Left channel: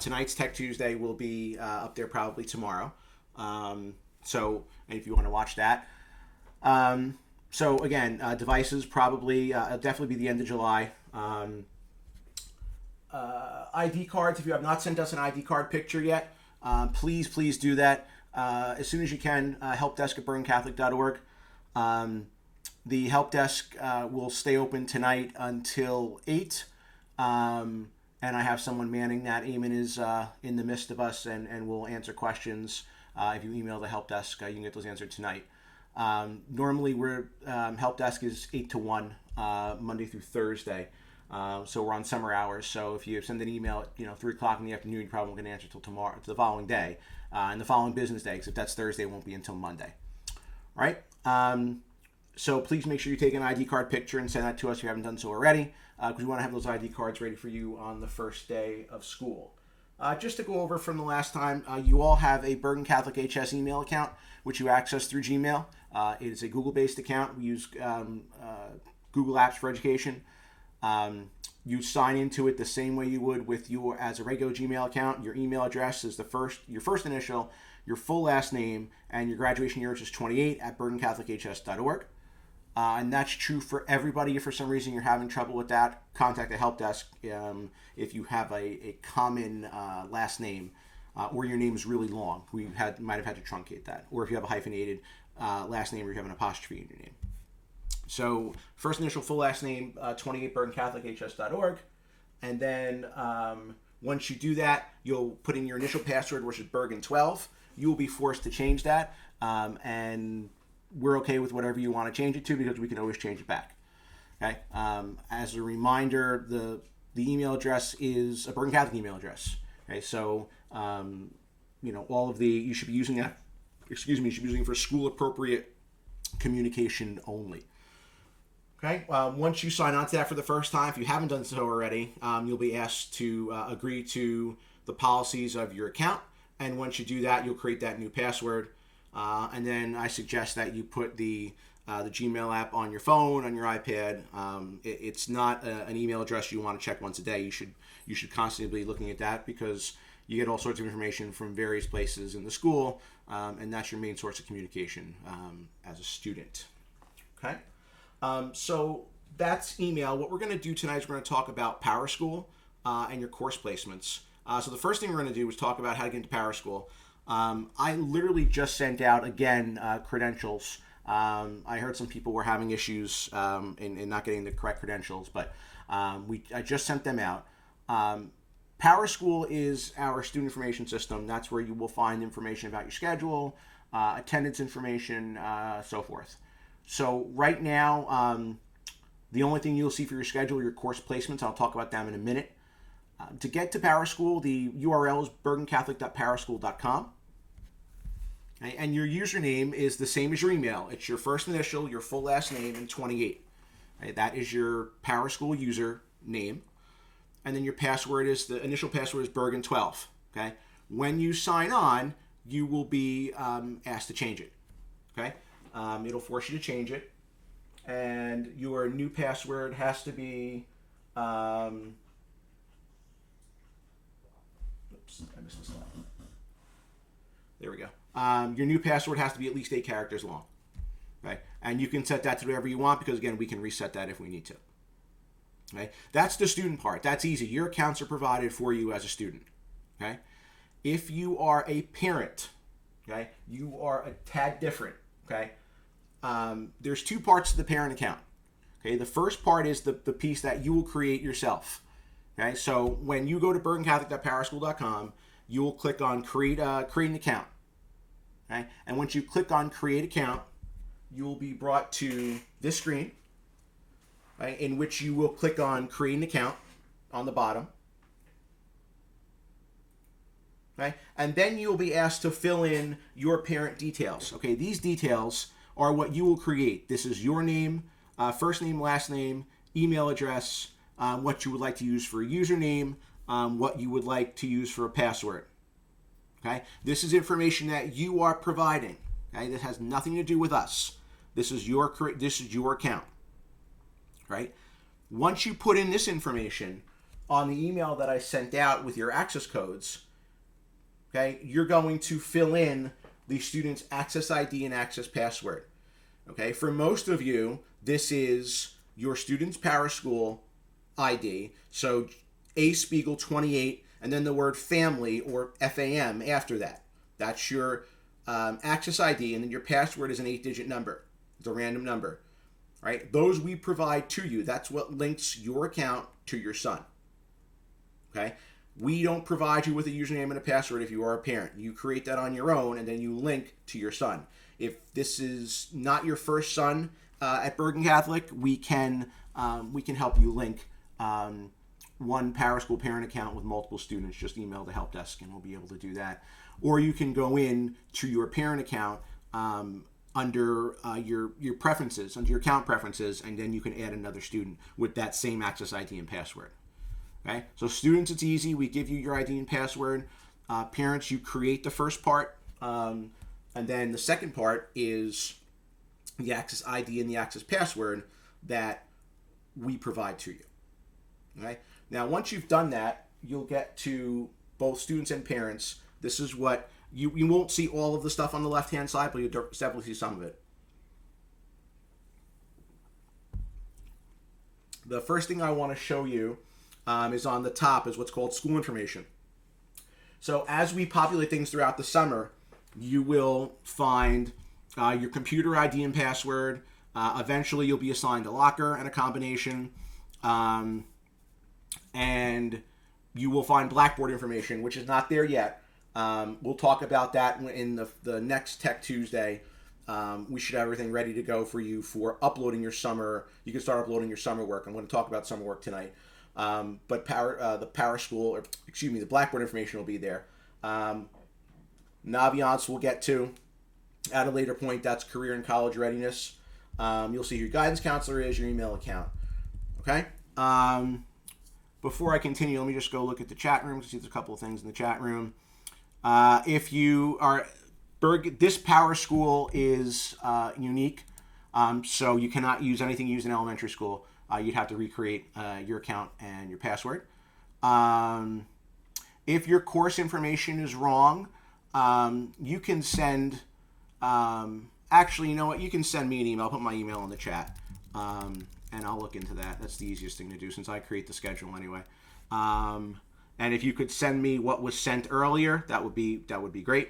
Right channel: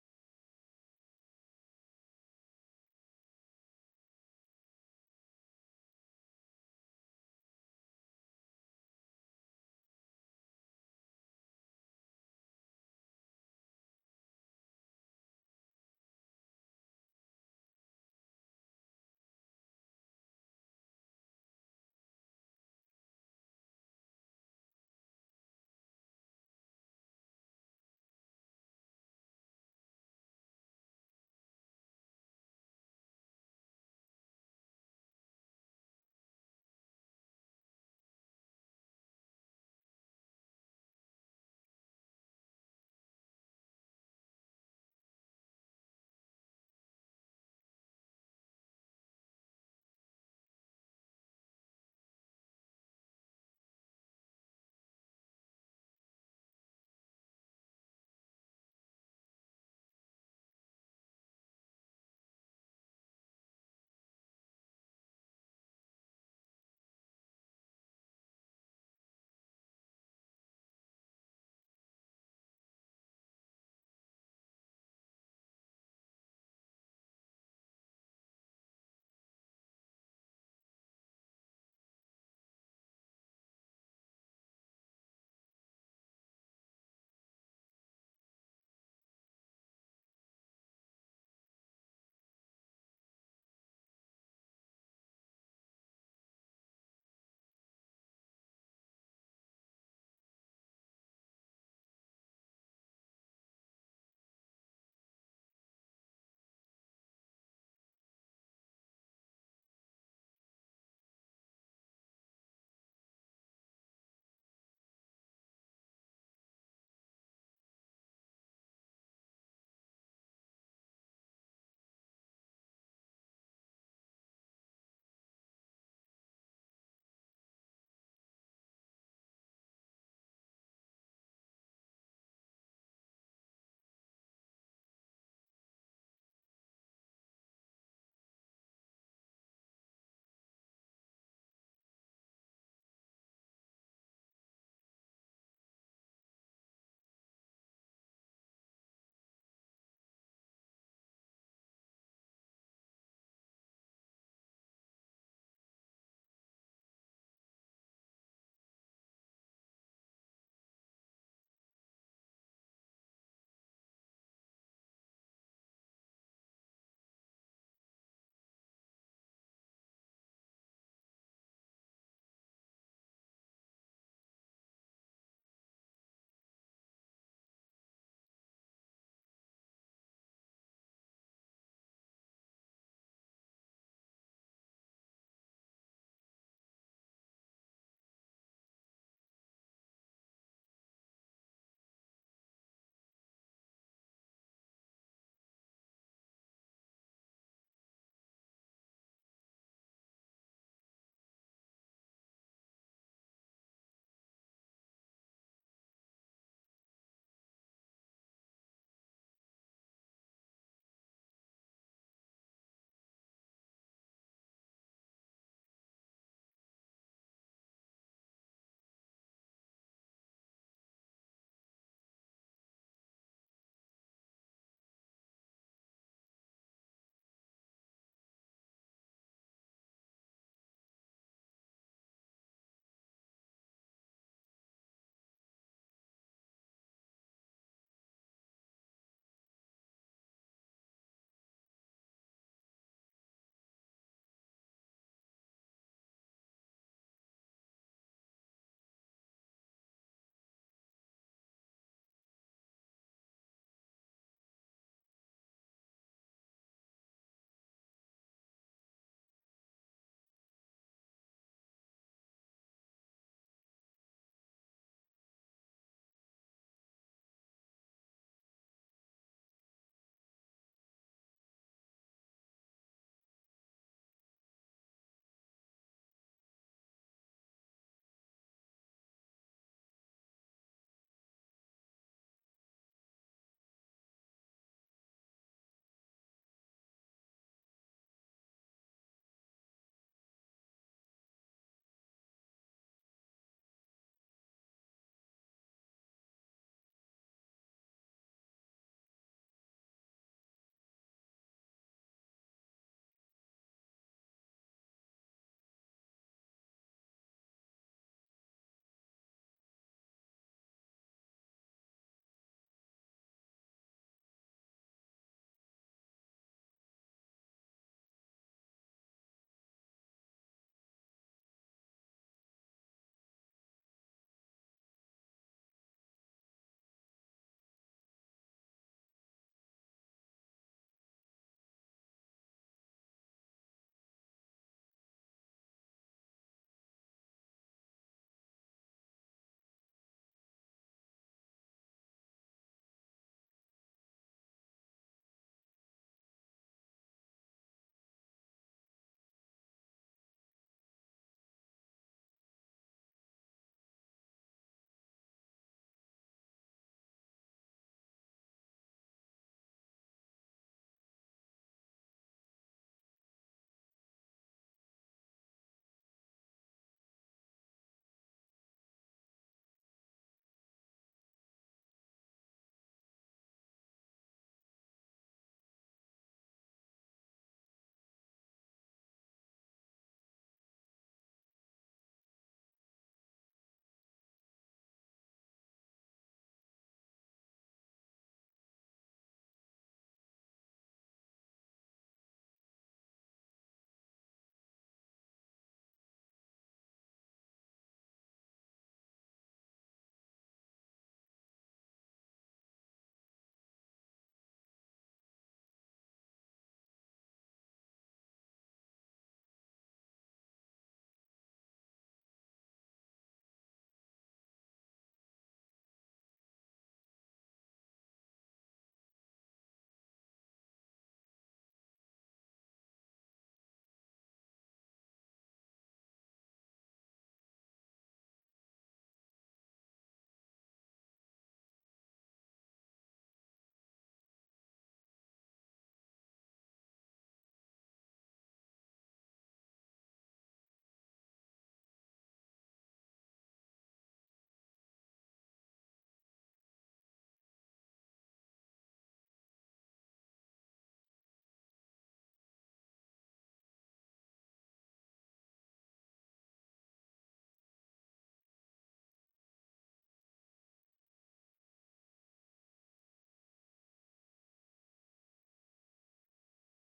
Tonight's Tech Tuesday will be up there probably tomorrow. So, and if you want to watch that. So again, devices probably definitely be the end of July. ID cards. If you have not sent us an ID card picture yet, please do that as soon as you can. Helpdesk at BergenCatholic.org. The help desk will stay open tonight until 8. And I have someone manning that. Eamon is in the midst of us and will answer questions. If you email the help desk, you can get those answered tonight. Normally, we're help desk is 8 to 1, Monday through Thursday. So we're on summer hours. So if you send an email at 3 o'clock in the afternoon, you probably won't get an answer until tomorrow, the following day, and the following business day. Because if that's Thursday, it won't be until Monday. All right. So please make sure you take an ID card picture and send that to us if you haven't done so already, because we want to have those ID cards ready for you on the first day of school. Just to go over from the last time, you all have a Bergen Catholic HS email account, which you access through Gmail. It is a Google-based account. We use Google Apps for Education. You sign into it the same way you would with your as a regular Gmail account. Your email address is your first initial, your full last name, and your graduation year, which is 28 at BergenCatholicHS.org. And that's true for everybody. If for some reason you're having trouble with that, contact the help desk if you have a common last name or your name is really long. We might have had to truncate that. Or if you have a hyphenated last name or you have an apostrophe in your name. So first initial, full last name, 28 BergenCatholicHS.org. And then once you do that, you'll put in your initial password, which is Bergen12. You will be forced to change that. And we're okay with whatever you want to change it to because we can always change it back. Okay. As a reminder, the email address is a Bergen Catholic email address. Okay. So, all of you should be using that. You should be using it for school appropriate communication only. Okay. Once you sign on to that for the first time, if you haven't done so already, you'll be asked to agree to the policies of your account. And once you do that, you'll create that new password. And then I suggest that you put the Gmail app on your phone, on your iPad. It's not an email address you want to check once a day. You should constantly be looking at that because you get all sorts of information from various places in the school, and that's your main source of communication as a student. Okay, so that's email. What we're going to do tonight is we're going to talk about PowerSchool and your course placements. So the first thing we're going to do is talk about how to get into PowerSchool. I literally just sent out, again, credentials. I heard some people were having issues in not getting the correct credentials, but I just sent them out. PowerSchool is our student information system. That's where you will find information about your schedule, attendance information, so forth. So right now, the only thing you'll see for your schedule are your course placements. I'll talk about them in a minute. To get to PowerSchool, the URL is bergencatholic.powerschool.com. Okay, and your username is the same as your email. It's your first initial, your full last name, and 28. Okay, that is your PowerSchool user name. And then your password is, the initial password is Bergen12. Okay? When you sign on, you will be asked to change it. Okay? It'll force you to change it. And your new password has to be... I missed the slide. There we go. Your new password has to be at least 8 characters long. Okay? And you can set that to whatever you want because, again, we can reset that if we need to. Okay? That's the student part. That's easy. Your accounts are provided for you as a student. Okay? If you are a parent, okay, you are a tad different. Okay? There's 2 parts to the parent account. Okay? The first part is the piece that you will create yourself. Okay, so when you go to bergencatholic.powerschool.com, you will click on create an account. Okay, and once you click on create account, you will be brought to this screen, right, in which you will click on create an account on the bottom. Okay, and then you will be asked to fill in your parent details. Okay, these details are what you will create. This is your name, first name, last name, email address, what you would like to use for a username, what you would like to use for a password. Okay, this is information that you are providing. Okay, this has nothing to do with us. This is your account. Right? Once you put in this information, on the email that I sent out with your access codes, okay, you're going to fill in the student's access ID and access password. Okay, for most of you, this is your student's PowerSchool ID. So A Spiegel 28, and then the word family or FAM after that. That's your access ID, and then your password is an 8-digit number. It's a random number, right? Those we provide to you. That's what links your account to your son. Okay, we don't provide you with a username and a password if you are a parent. You create that on your own, and then you link to your son. If this is not your first son at Bergen Catholic, we can help you link one PowerSchool parent account with multiple students. Just email the help desk, and we'll be able to do that. Or you can go in to your parent account under your preferences, under your account preferences, and then you can add another student with that same access ID and password. Okay, so students, it's easy. We give you your ID and password. Parents, you create the first part, and then the second part is the access ID and the access password that we provide to you. Okay, now once you've done that, you'll get to both students and parents. This is what you won't see all of the stuff on the left-hand side, but you'll definitely see some of it. The first thing I want to show you is on the top, is what's called school information. So as we populate things throughout the summer, you will find your computer ID and password. Eventually, you'll be assigned a locker and a combination. And you will find Blackboard information, which is not there yet. We'll talk about that in the next Tech Tuesday. We should have everything ready to go for you for uploading your summer. You can start uploading your summer work. I'm going to talk about summer work tonight. But the the Blackboard information will be there. Naviance we'll get to at a later point. That's career and college readiness. You'll see who your guidance counselor is, your email account. Okay. Before I continue, let me just go look at the chat room to see there's a couple of things in the chat room. If you are this PowerSchool is unique, so you cannot use anything used in elementary school. You'd have to recreate your account and your password. If your course information is wrong, you can send. Actually, you know what? You can send me an email. I'll put my email in the chat, and I'll look into that. That's the easiest thing to do since I create the schedule anyway. And if you could send me what was sent earlier, that would be great.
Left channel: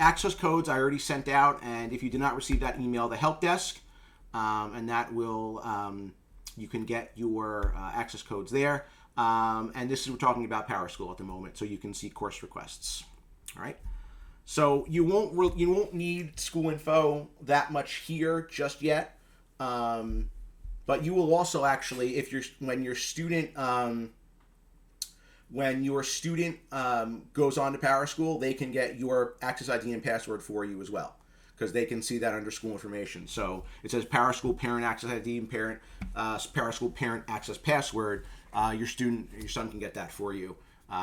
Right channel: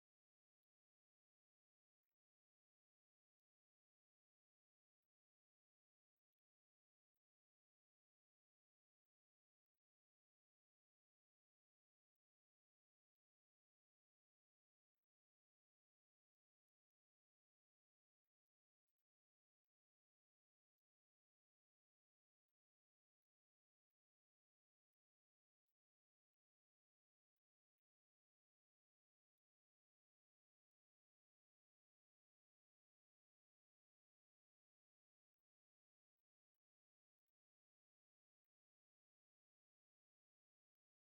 Access codes I already sent out, and if you did not receive that email, the help desk, and that will you can get your access codes there. And this is we're talking about PowerSchool at the moment, so you can see course requests. All right. So you won't need school info that much here just yet, but you will also actually when your student goes on to PowerSchool, they can get your access ID and password for you as well, because they can see that under school information. So it says PowerSchool parent access ID and PowerSchool parent access password. Your son can get that for you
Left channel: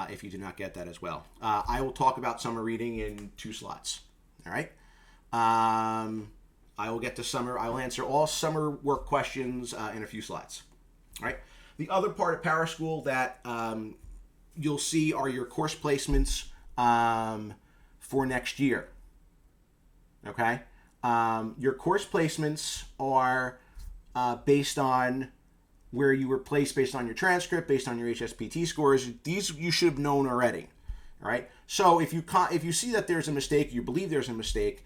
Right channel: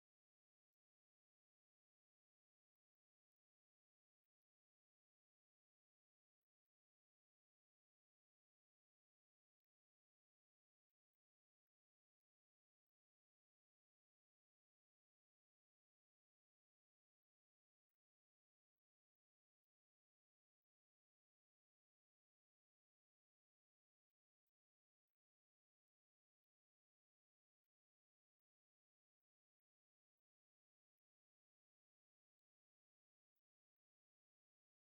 if you do not get that as well. I will talk about summer reading in 2 slots. All right. I will get to summer. I will answer all summer work questions in a few slides. All right. The other part of PowerSchool that you'll see are your course placements for next year. Okay. Your course placements are based on where you were placed, based on your transcript, based on your HSPT scores. These you should have known already. All right. So if you see that there's a mistake, you believe there's a mistake,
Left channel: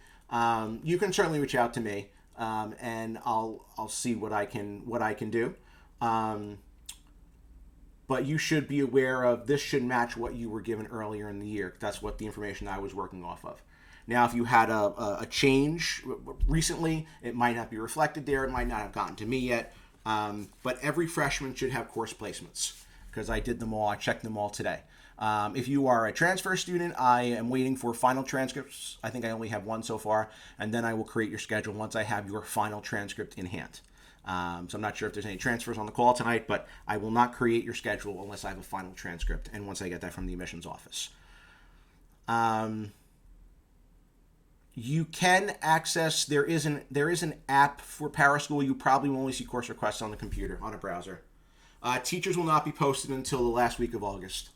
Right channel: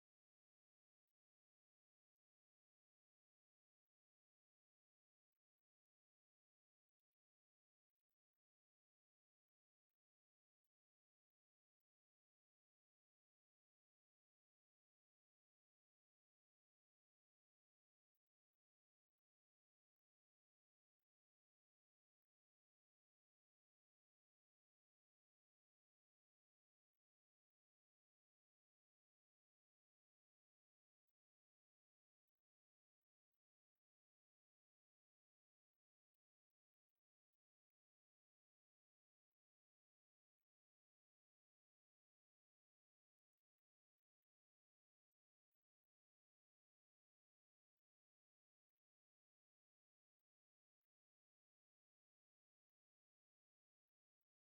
you can certainly reach out to me, and I'll see what I can do. But you should be aware of this should match what you were given earlier in the year. That's what the information I was working off of. Now, if you had a change recently, it might not be reflected there. It might not have gotten to me yet. But every freshman should have course placements because I did them all. I checked them all today. If you are a transfer student, I am waiting for final transcripts. I think I only have one so far. And then I will create your schedule once I have your final transcript in hand. So I'm not sure if there's any transfers on the call tonight, but I will not create your schedule unless I have a final transcript and once I get that from the admissions office. You can access, there is an app for PowerSchool. You probably will only see course requests on the computer, on a browser. Teachers will not be posted until the last week of August.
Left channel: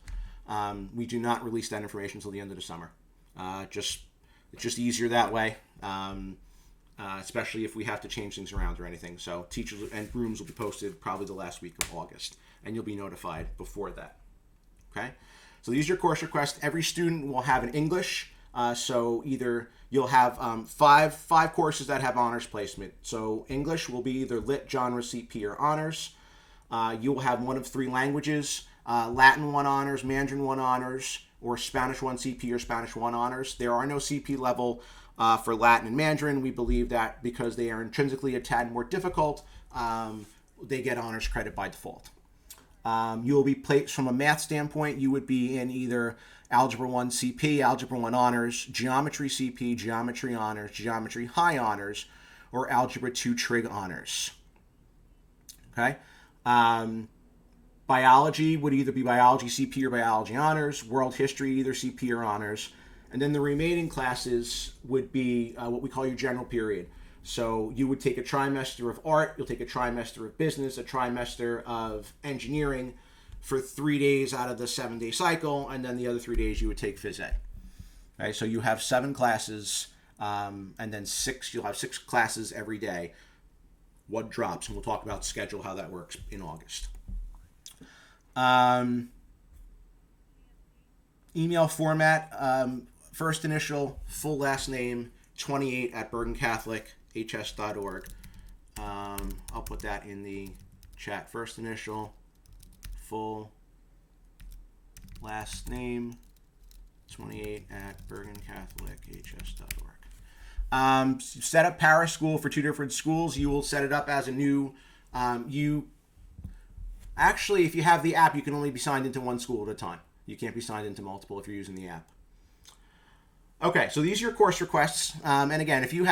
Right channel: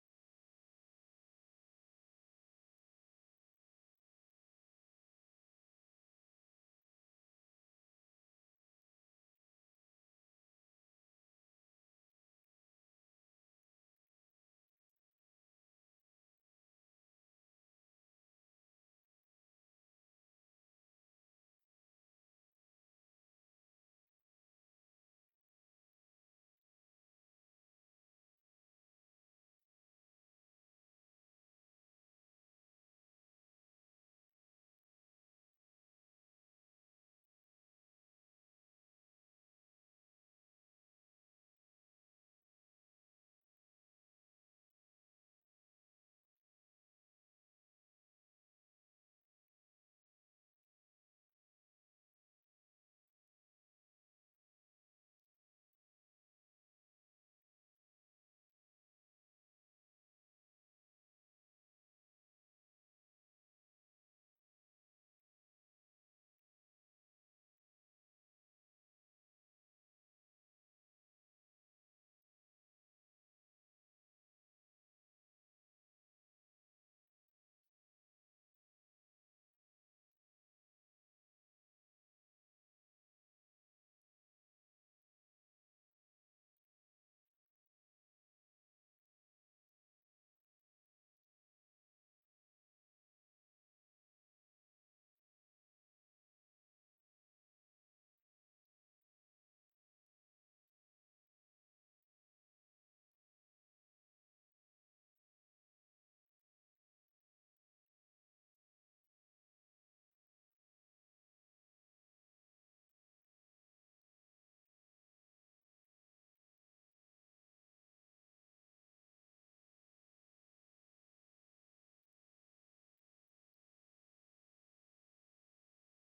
We do not release that information until the end of the summer. It's just easier that way, especially if we have to change things around or anything. So teachers and rooms will be posted probably the last week of August, and you'll be notified before that. Okay? So these are your course requests. Every student will have an English. So either you'll have five courses that have honors placement. So English will be either Lit, Genre, CP, or honors. You will have one of three languages: Latin 1 honors, Mandarin 1 honors, or Spanish 1 CP or Spanish 1 honors. There are no CP level for Latin and Mandarin. We believe that because they are intrinsically a tad more difficult, they get honors credit by default. You will be placed from a math standpoint. You would be in either Algebra 1 CP, Algebra 1 honors, Geometry CP, Geometry honors, Geometry high honors, or Algebra 2 trig honors. Okay? Biology would either be Biology CP or Biology honors, World History either CP or honors, and then the remaining classes would be what we call your general period. So you would take a trimester of art, you'll take a trimester of business, a trimester of engineering for 3 days out of the 7-day cycle, and then the other 3 days you would take phys ed. Okay, so you have 7 classes, and then you'll have 6 classes every day. What drops, and we'll talk about schedule, how that works in August. Email format, first initial, full last name, 28 at bergencatholichs.org. I'll put that in the chat. First initial, full last name, 28 at bergencatholichs.org. Set up ParaSchool for 2 different schools. You will set it up as a new, actually, if you have the app, you can only be signed into one school at a time. You can't be signed into multiple if you're using the app. Okay, so these are your course requests. And again, if you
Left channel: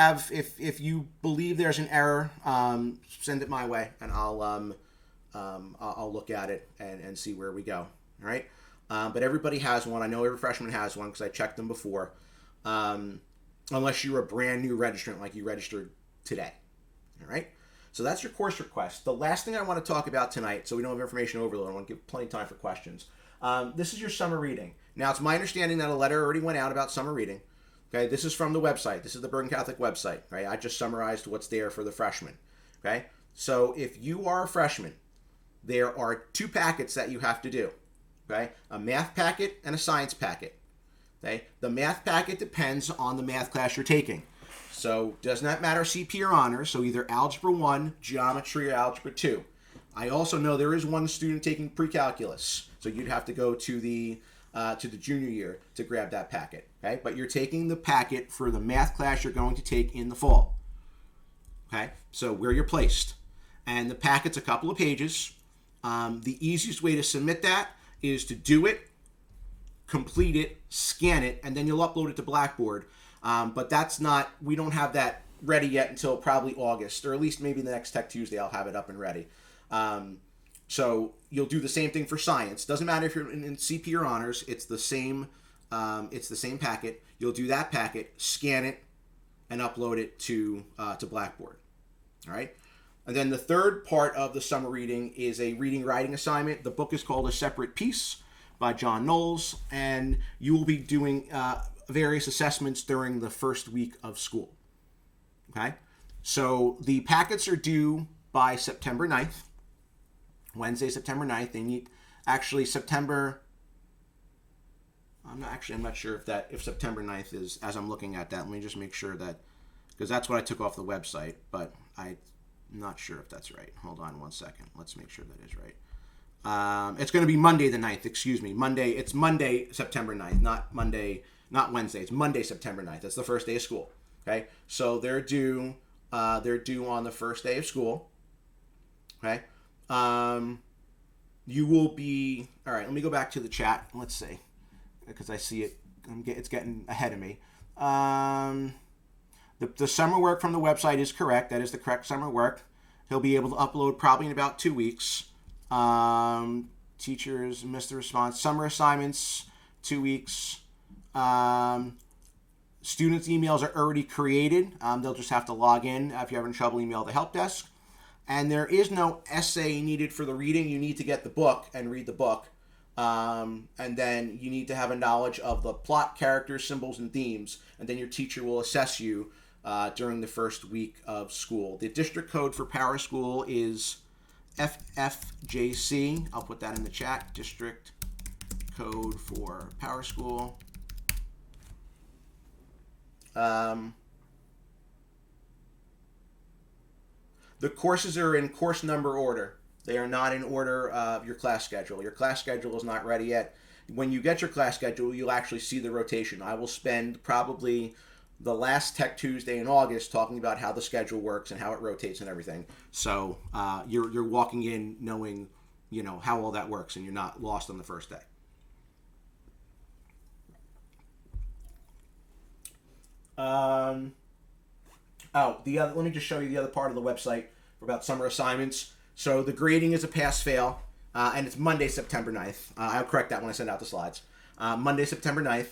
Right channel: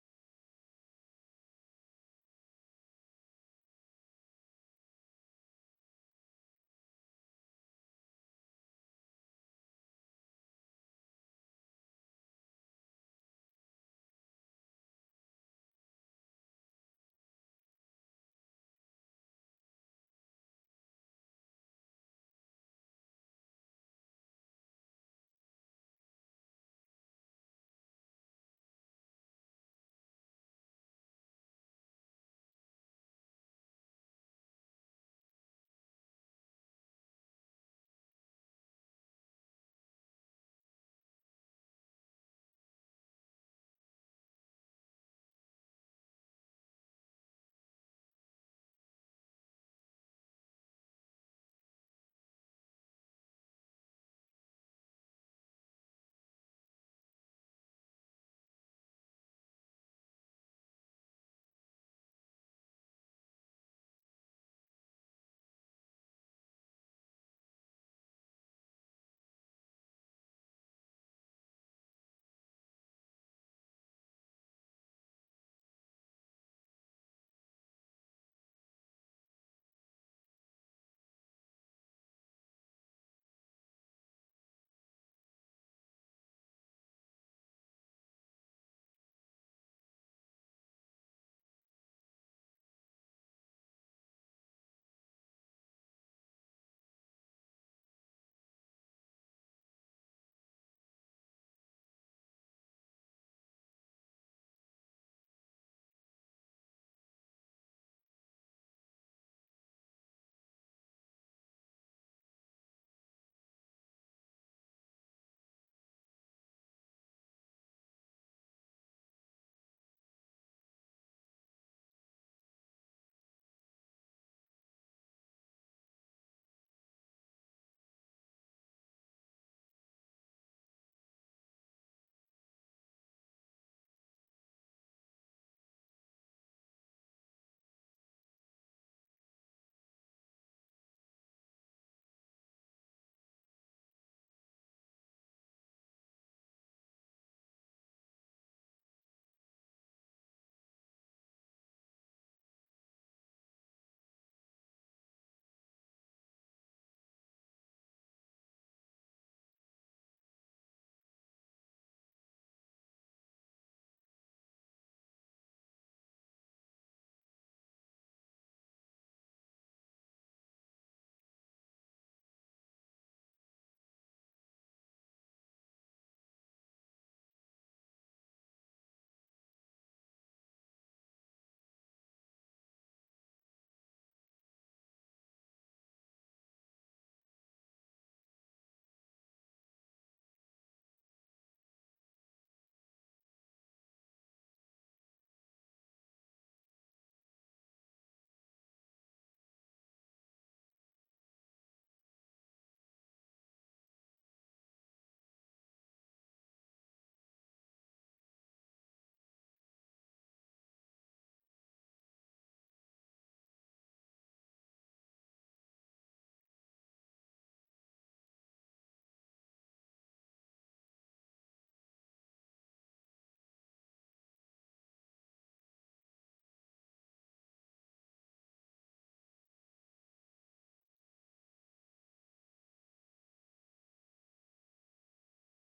believe there's an error, send it my way, and I'll look at it and see where we go. All right. But everybody has one. I know every freshman has one because I checked them before. Unless you're a brand new registrant, like you registered today. All right. So that's your course request. The last thing I want to talk about tonight, so we don't have information overload, I want to give plenty of time for questions. This is your summer reading. Now, it's my understanding that a letter already went out about summer reading. Okay, this is from the website. This is the Bergen Catholic website. Right, I just summarized what's there for the freshmen. Okay, so if you are a freshman, there are 2 packets that you have to do. Okay, a math packet and a science packet. Okay, the math packet depends on the math class you're taking. So does not matter CP or honors. So either Algebra 1, Geometry, or Algebra 2. I also know there is one student taking pre-calculus, so you'd have to go to the junior year to grab that packet. Okay, but you're taking the packet for the math class you're going to take in the fall. Okay, so where you're placed, and the packet's a couple of pages. The easiest way to submit that is to do it, complete it, scan it, and then you'll upload it to Blackboard. But we don't have that ready yet until probably August, or at least maybe the next Tech Tuesday I'll have it up and ready. So you'll do the same thing for science. Doesn't matter if you're in CP or honors. It's the same packet. You'll do that packet, scan it, and upload it to Blackboard. All right. And then the third part of the summer reading is a reading writing assignment. The book is called A Separate Peace by John Knowles, and you will be doing various assessments during the first week of school. Okay. So the packets are due by September 9th. Wednesday, September 9th. They need actually September. I'm not sure if September 9th is, as I'm looking at that. Let me just make sure that, because that's what I took off the website, but I'm not sure if that's right. Hold on one second. Let's make sure that is right. It's going to be Monday the 9th, excuse me. It's Monday, September 9th, not Wednesday. It's Monday, September 9th. That's the first day of school. Okay. So they're due on the first day of school. Okay. You will be, all right, let me go back to the chat. Let's see, because I see it. It's getting ahead of me. The summer work from the website is correct. That is the correct summer work. He'll be able to upload probably in about 2 weeks. Teachers missed the response. Summer assignments, 2 weeks. Students' emails are already created. They'll just have to log in. If you're having trouble, email the help desk. And there is no essay needed for the reading. You need to get the book and read the book. And then you need to have a knowledge of the plot, characters, symbols, and themes. And then your teacher will assess you during the first week of school. The district code for PowerSchool is FFJC. I'll put that in the chat. District code for PowerSchool. The courses are in course number order. They are not in order of your class schedule. Your class schedule is not ready yet. When you get your class schedule, you'll actually see the rotation. I will spend probably the last Tech Tuesday in August talking about how the schedule works and how it rotates and everything. So you're walking in knowing, how all that works, and you're not lost on the first day. Let me just show you the other part of the website about summer assignments. So the grading is a pass-fail, and it's Monday, September 9th. I'll correct that when I send out the slides. Monday, September 9th.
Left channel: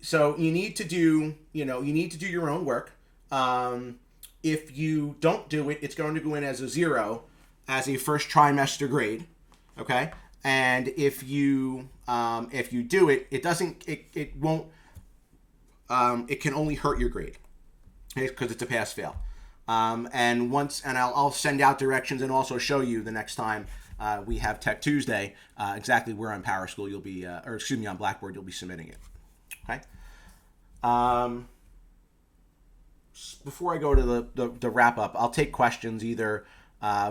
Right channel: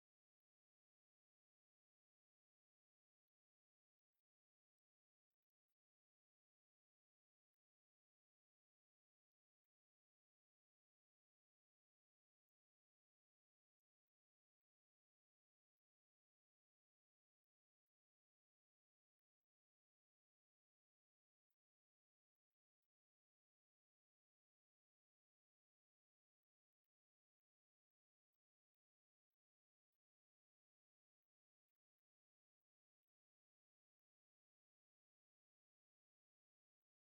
So you need to do, your own work. If you don't do it, it's going to go in as a 0 as a first trimester grade. Okay. And if you do it, it won't, it can only hurt your grade because it's a pass fail. And I'll send out directions and also show you the next time we have Tech Tuesday exactly where on PowerSchool you'll be, on Blackboard you'll be submitting it. Okay. Before I go to the wrap up, I'll take questions either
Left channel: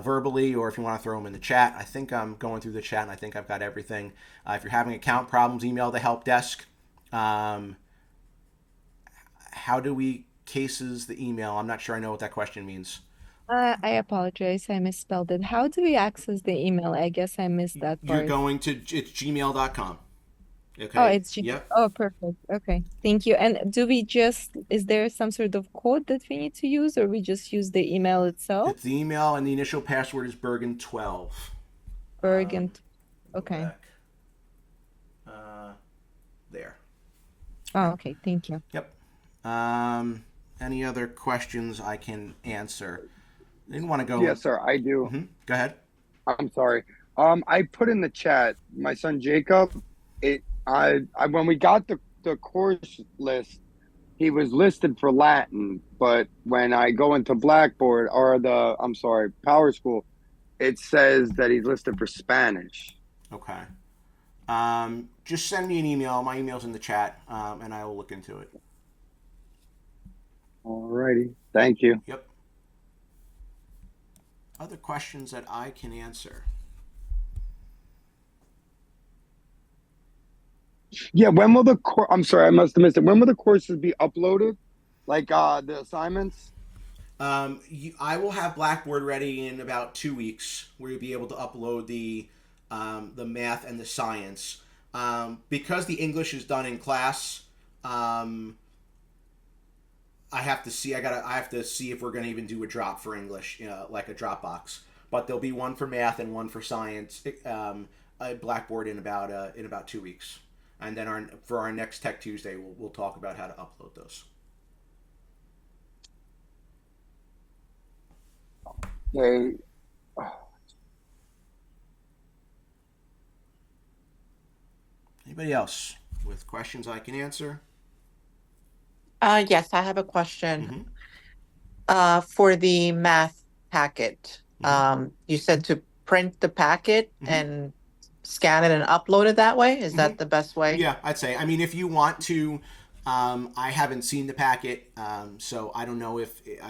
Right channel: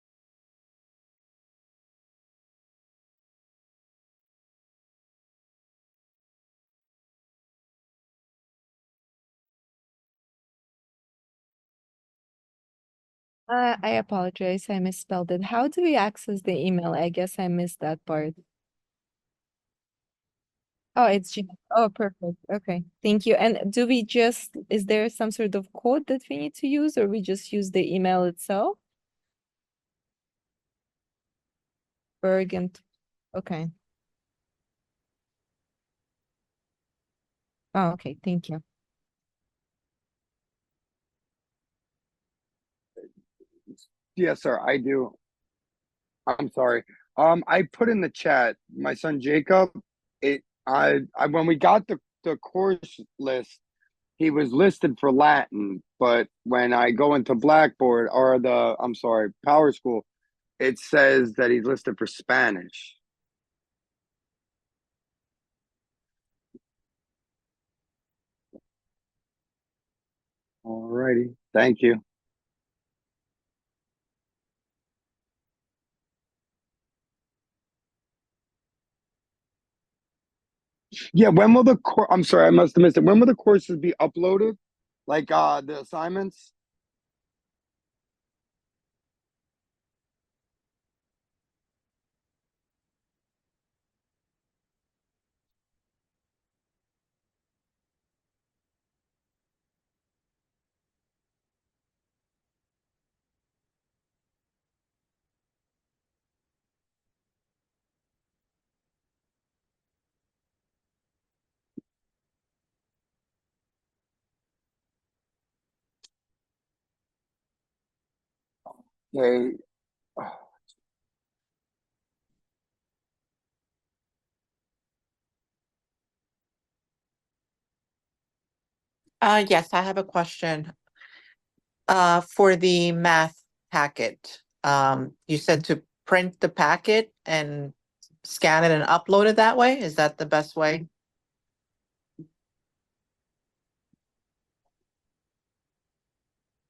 verbally or if you want to throw them in the chat. I think I'm going through the chat and I think I've got everything. If you're having account problems, email the help desk. How do we cases the email? I'm not sure I know what that question means. I apologize. I misspelled it. How do we access the email? I guess I missed that part. You're going to, it's gmail.com. Okay. Oh, it's Gmail. Yep. Oh, perfect. Okay. Thank you. And is there some sort of code that we need to use, or we just use the email itself? It's the email, and the initial password is Bergen12. Bergen. Okay. There. Oh, okay. Thank you. Yep. Any other questions I can answer? I didn't want to go. Yes, sir. I do. Mm-hmm. Go ahead. I'm sorry. I put in the chat, my son Jacob. When we got the course list, he was listed for Latin, but when I go into Blackboard or PowerSchool, it says that he's listed for Spanish. Okay. Just send me an email. My email's in the chat, and I will look into it. Alrighty. Thank you. Yep. Other questions that I can answer? Yeah, when will I'm sorry, I must have missed it. When will the courses be uploaded? Like the assignments? I will have Blackboard ready in about 2 weeks, where you'll be able to upload the math and the science. Because the English is done in class, I have to see if we're going to even do a drop for English, like a Dropbox. But there'll be one for math and one for science. Blackboard in about 2 weeks. And then for our next Tech Tuesday, we'll talk about how to upload those. Okay. Anybody else with questions I can answer? Yes, I have a question. For the math packet. You said to print the packet and scan it and upload it that way? Is that the best way? Yeah, I'd say. I mean, if you want to, I haven't seen the packet, so I don't know if,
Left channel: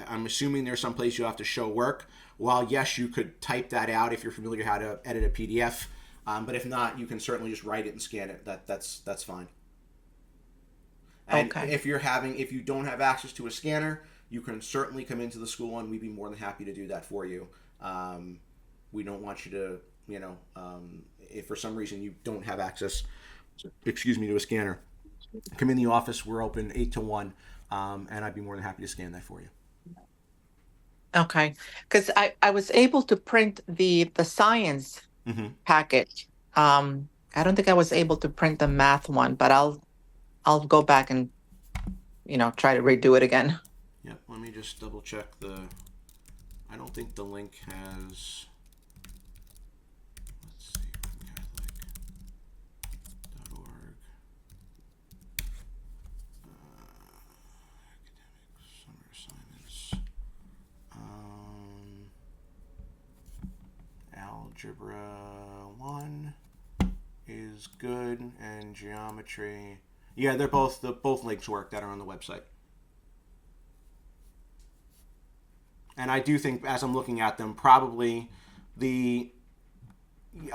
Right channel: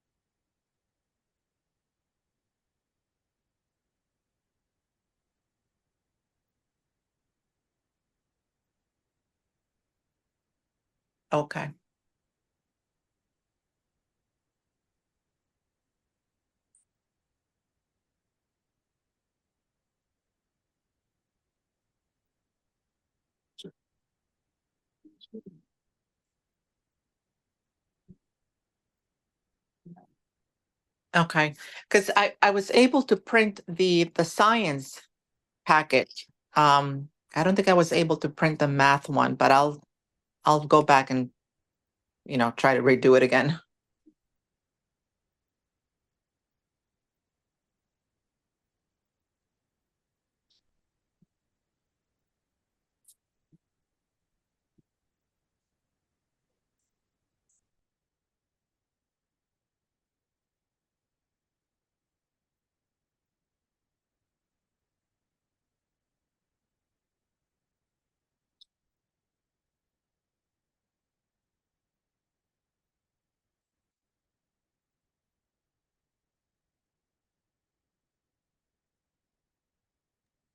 I'm assuming there's some place you'll have to show work. While yes, you could type that out if you're familiar how to edit a PDF, but if not, you can certainly just write it and scan it. That's fine. And okay. If you don't have access to a scanner, you can certainly come into the school and we'd be more than happy to do that for you. We don't want you to, if for some reason you don't have access, to a scanner, come in the office. We're open 8 to 1, and I'd be more than happy to scan that for you. Okay, because I was able to print the science packet. I don't think I was able to print the math one, but I'll go back and try to redo it again. Yep. Let me just double check the. I don't think the link has. Let's see, Catholic.org. Academic summer assignments. Algebra 1 is good, and geometry. Yeah, they're both links work that are on the website. And I do think, as I'm looking at them, probably I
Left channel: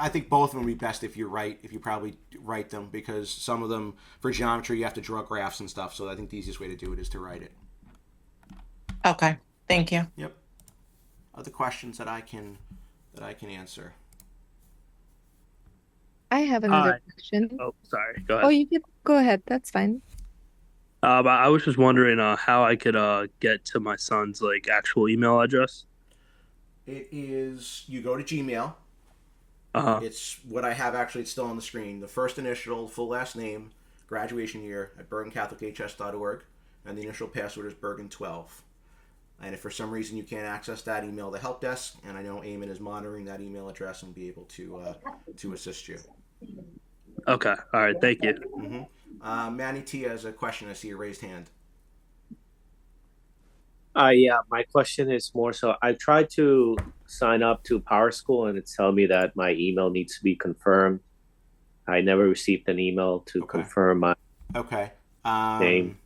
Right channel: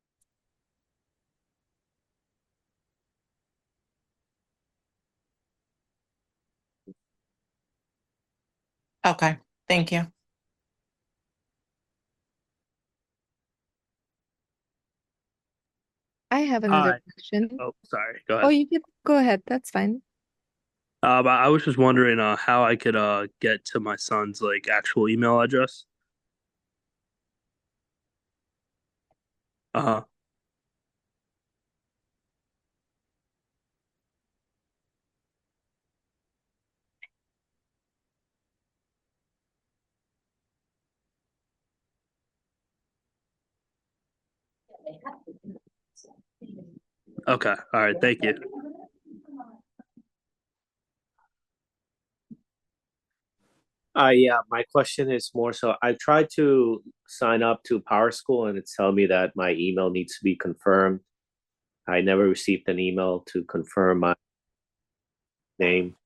think both of them would be best if you probably write them, because some of them, for geometry, you have to draw graphs and stuff. So I think the easiest way to do it is to write it. Okay, thank you. Yep. Other questions that I can answer? I have another question. Oh, sorry. Go Oh, ahead. you can go ahead. That's fine. But I was just wondering how I could get to my son's actual email address. It is, you go to Gmail. Uh-huh. It's what I have actually. It's still on the screen. The first initial, full last name, graduation year at BergenCatholicHS.org, and the initial password is Bergen12. And if for some reason you can't access that, email the help desk, and I know Eamon is monitoring that email address and be able to assist you. Okay. All right. Thank you. Mm-hmm. Manny T has a question. I see a raised hand. Yeah, my question is more so I tried to sign up to PowerSchool and it's telling me that my email needs to be confirmed. I never received an email to confirm my name.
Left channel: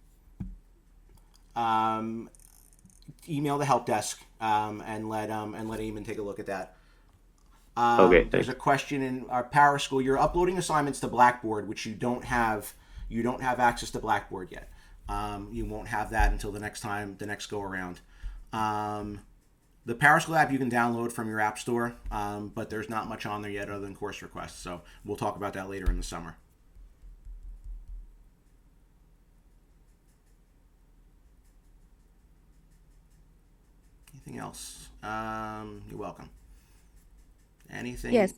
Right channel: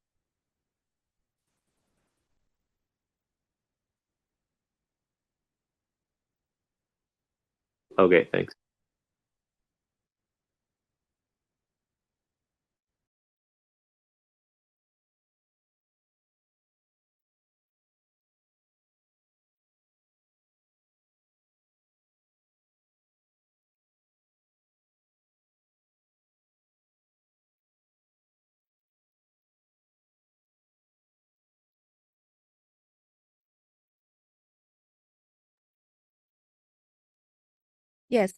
Email the help desk and let Eamon take a look at that. Okay, thanks. There's a question in our PowerSchool. You're uploading assignments to Blackboard, which you don't have access to Blackboard yet. You won't have that until the next go around. The PowerSchool app you can download from your app store, but there's not much on there yet other than course requests. So we'll talk about that later in the summer. Anything else? You're welcome. Anything? Yes,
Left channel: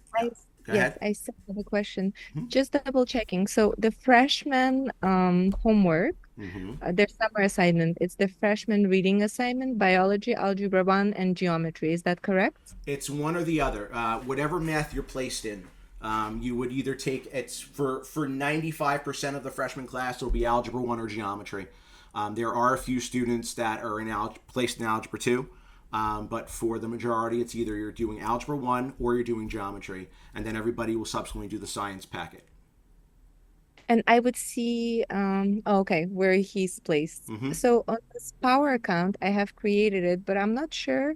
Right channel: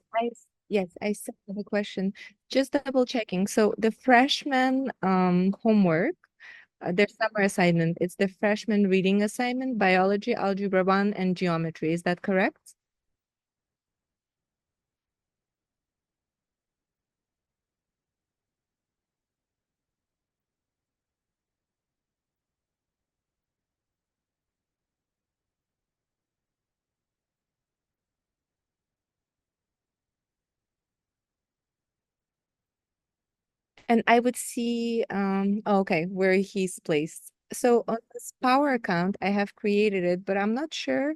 Go ahead. I still have a question. Mhm. Just double checking. So the freshman homework, their summer assignment, it's the freshman reading assignment, biology, algebra 1, and geometry. Is that correct? It's one or the other. Whatever math you're placed in, you would either take. It's for 95% of the freshman class, it'll be algebra 1 or geometry. There are a few students that are placed in algebra 2. But for the majority, it's either you're doing algebra 1 or you're doing geometry, and then everybody will subsequently do the science packet. And I would see, okay, where he's placed. So on this Power account, I have created it, but I'm not sure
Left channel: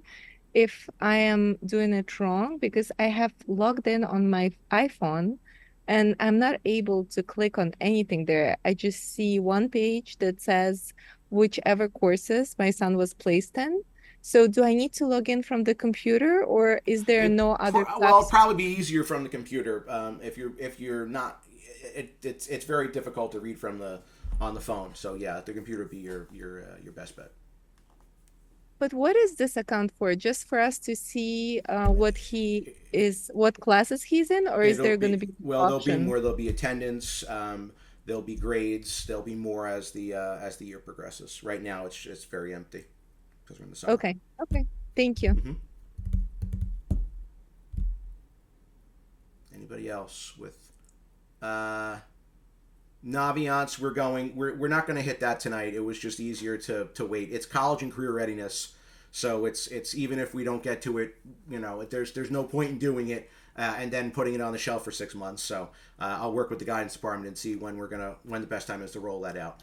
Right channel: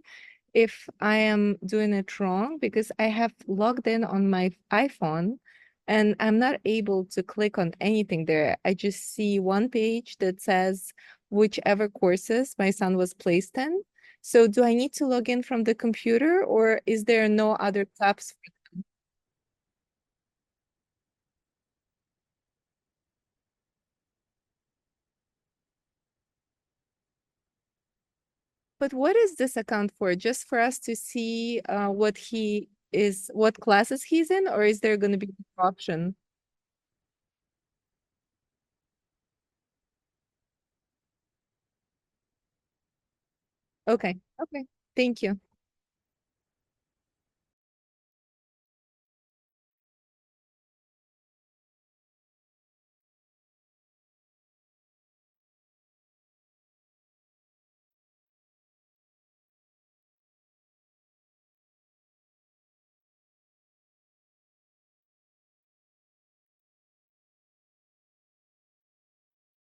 if I am doing it wrong because I have logged in on my iPhone and I'm not able to click on anything there. I just see one page that says whichever courses my son was placed in. So do I need to log in from the computer, or is there no other Well, it'll tabs? probably be easier from the computer. If you're not, it's very difficult to read from on the phone. So yeah, the computer would be your best bet. But what is this account for? Just for us to see what classes he's in, or is there going to be option? There'll be attendance. There'll be grades. There'll be more as the year progresses. Right now, it's very empty because we're in the summer. Okay. Thank you. Anybody else with Naviance? We're not going to hit that tonight. It was just easier to wait. It's college and career readiness, so it's even if we don't get to it, there's no point in doing it and then putting it on the shelf for 6 months. So I'll work with the guidance department and see when the best time is to roll that out.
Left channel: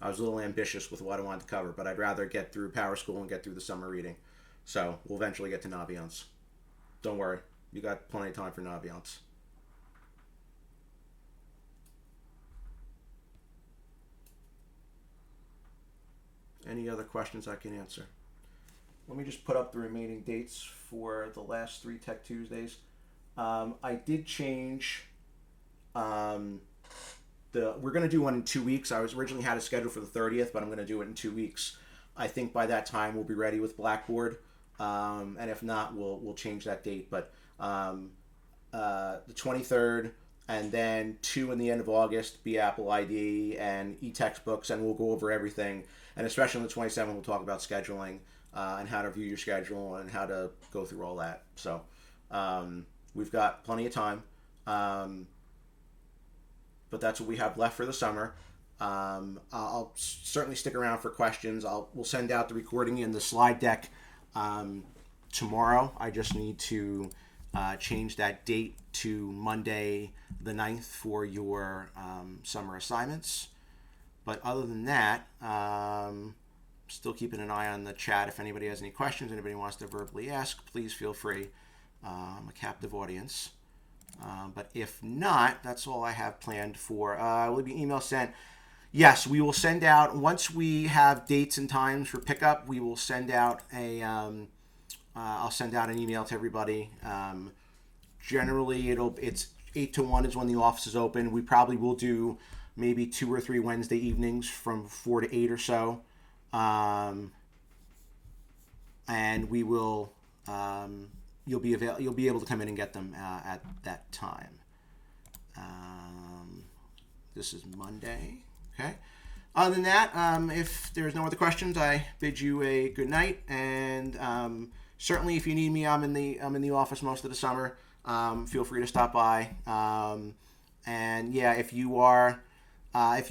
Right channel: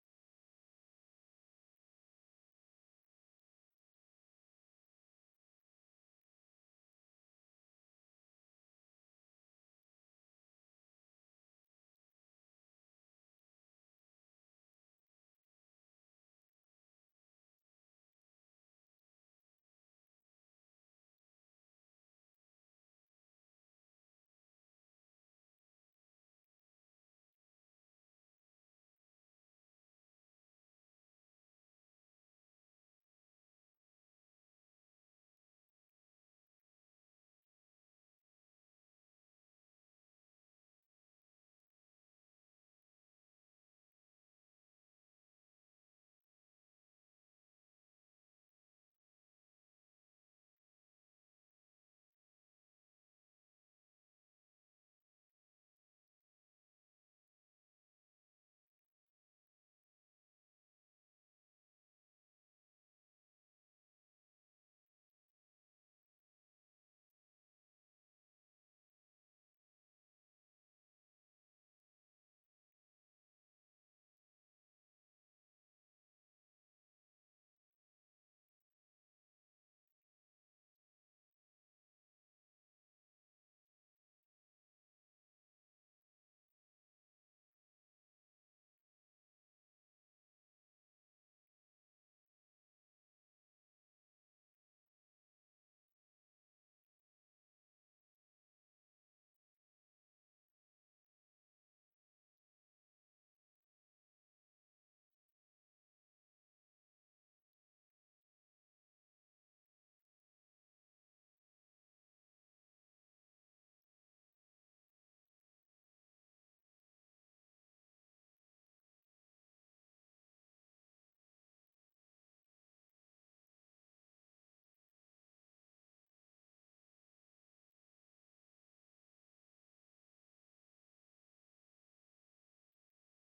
I was a little ambitious with what I wanted to cover, but I'd rather get through PowerSchool and get through the summer reading. So we'll eventually get to Naviance. Don't worry, you got plenty of time for Naviance. Any other questions I can answer? Let me just put up the remaining dates for the last 3 Tech Tuesdays. I did change. We're going to do one in 2 weeks. I was originally had a schedule for the 30th, but I'm going to do it in 2 weeks. I think by that time we'll be ready with Blackboard, and if not, we'll change that date. But the 23rd and then 2 in the end of August, be Apple ID and e-textbooks, and we'll go over everything. And especially on the 27th, we'll talk about scheduling and how to view your schedule and how to go through all that. So we've got plenty of time, but that's what we have left for the summer. I'll certainly stick around for questions. We'll send out the recording and the slide deck tomorrow. I just need to change that date to Monday the 9th for your summer assignments. But other than that, still keeping an eye on the chat. If anybody has any questions, anybody wants to verbally ask, please feel free. I'm a captive audience. But if not, that's all I have planned for. Will be email sent. Yes, we will send out, once we have dates and times for pickup, we will send out I'll send out an email to everybody. Generally, it's 8 to 1 is when the office is open. We probably will do maybe 2 or 3 Wednesday evenings from 4 to 8 or so. And we will, you'll be able to come in and get them at that time. This is Monday. Okay. Other than that, if there's no other questions, I bid you a good night. And certainly, if you need me, I'm in the office most of the summer. Feel free to stop by. And yeah, if you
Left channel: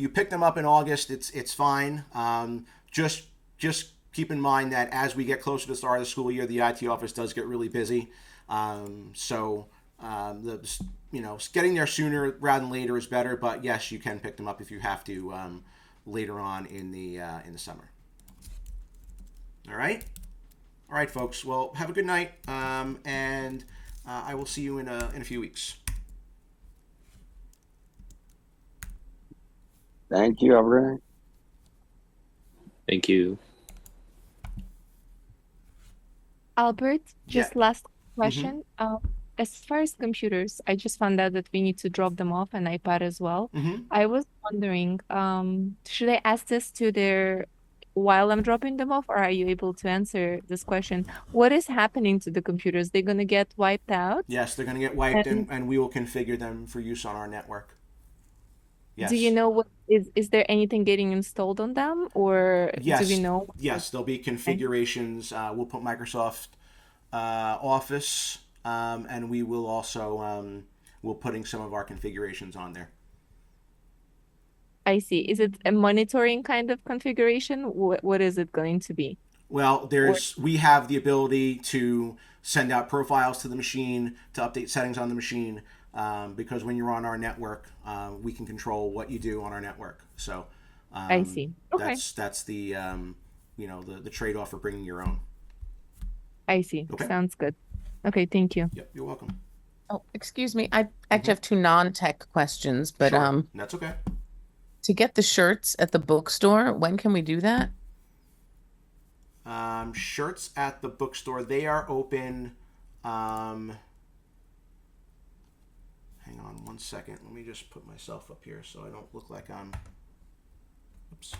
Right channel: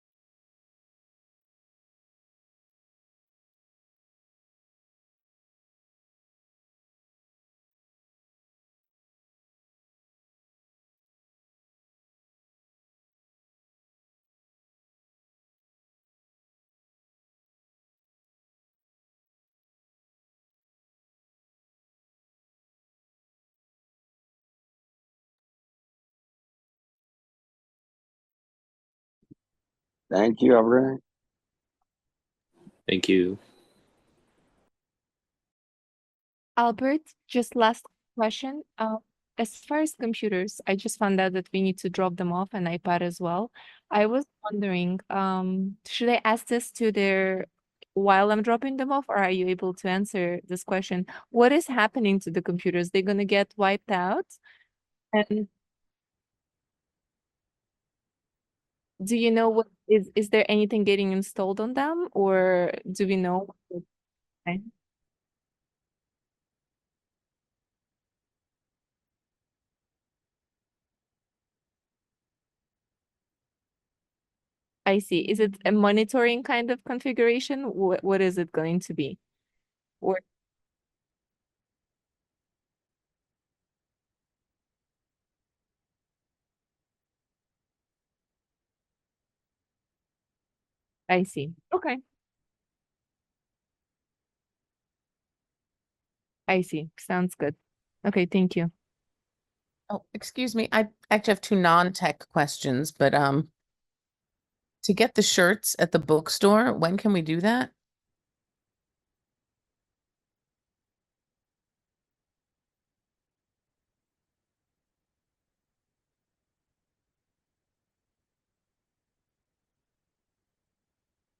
pick them up in August, it's fine. Just keep in mind that as we get closer to the start of the school year, the IT office does get really busy. Getting there sooner rather than later is better. But yes, you can pick them up if you have to later on in the summer. All right, folks. Well, have a good night, and I will see you in a few weeks. Thank you, everyone. Thank you. Albert, just last question. As far as computers, I just found out that we need to drop them off, an iPad as well. I was wondering, should I ask this to while I'm dropping them off, or are you able to answer this question? What is happening to the computers? They're going to get wiped out? Yes, they're going to get wiped, and we will configure them for use on our network. Yes. Do you know what is there anything getting installed on them, or yes. do we know? Yes, there'll be configurations. We'll put Microsoft Office, and we will also we'll putting some of our configurations on there. I see. Is it a monitoring kind of configuration? What is it going to be? Well, we have the ability to send out profiles to the machine, to update settings on the machine, because when you're on our network, we can control what you do on our network. So I see. Okay. That's the the trade-off for bringing your own. I see. Okay. Sounds good. Okay, thank you. Yep, you're welcome. Oh, excuse me. I actually have 2 non-tech questions, but that's okay. To get the shirts at the bookstore, when can we do that? Shirts at the bookstore, they are open. Hang on one second. Let me just put myself up here so I don't look like I'm. Oops.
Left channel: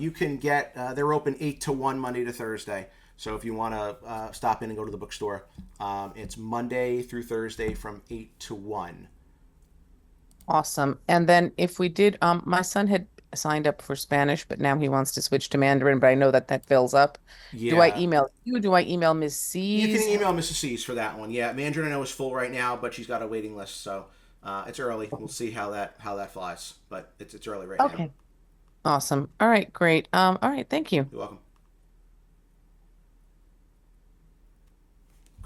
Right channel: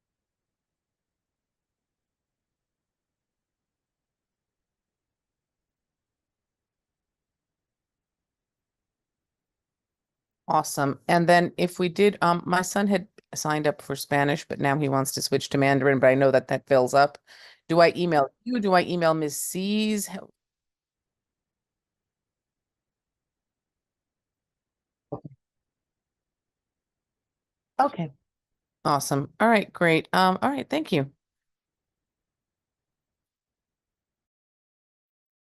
You can get. They're open 8 to 1 Monday to Thursday. So if you want to stop in and go to the bookstore, it's Monday through Thursday from 8 to 1. Awesome. And then if we did, my son had signed up for Spanish, but now he wants to switch to Mandarin, but I know that fills up. Yeah. Do I email you? Do I email Ms. C's? You can email Mrs. C's for that one. Yeah, Mandarin I know is full right now, but she's got a waiting list, so it's early. We'll see how that flies, but it's early right now. Okay. Awesome. All right, great. All right, thank you. You're welcome.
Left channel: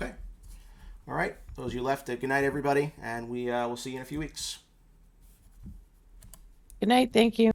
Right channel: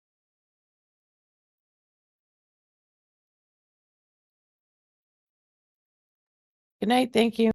Okay. All right. Those you left, good night, everybody, and we'll see you in a few weeks. Good night. Thank you.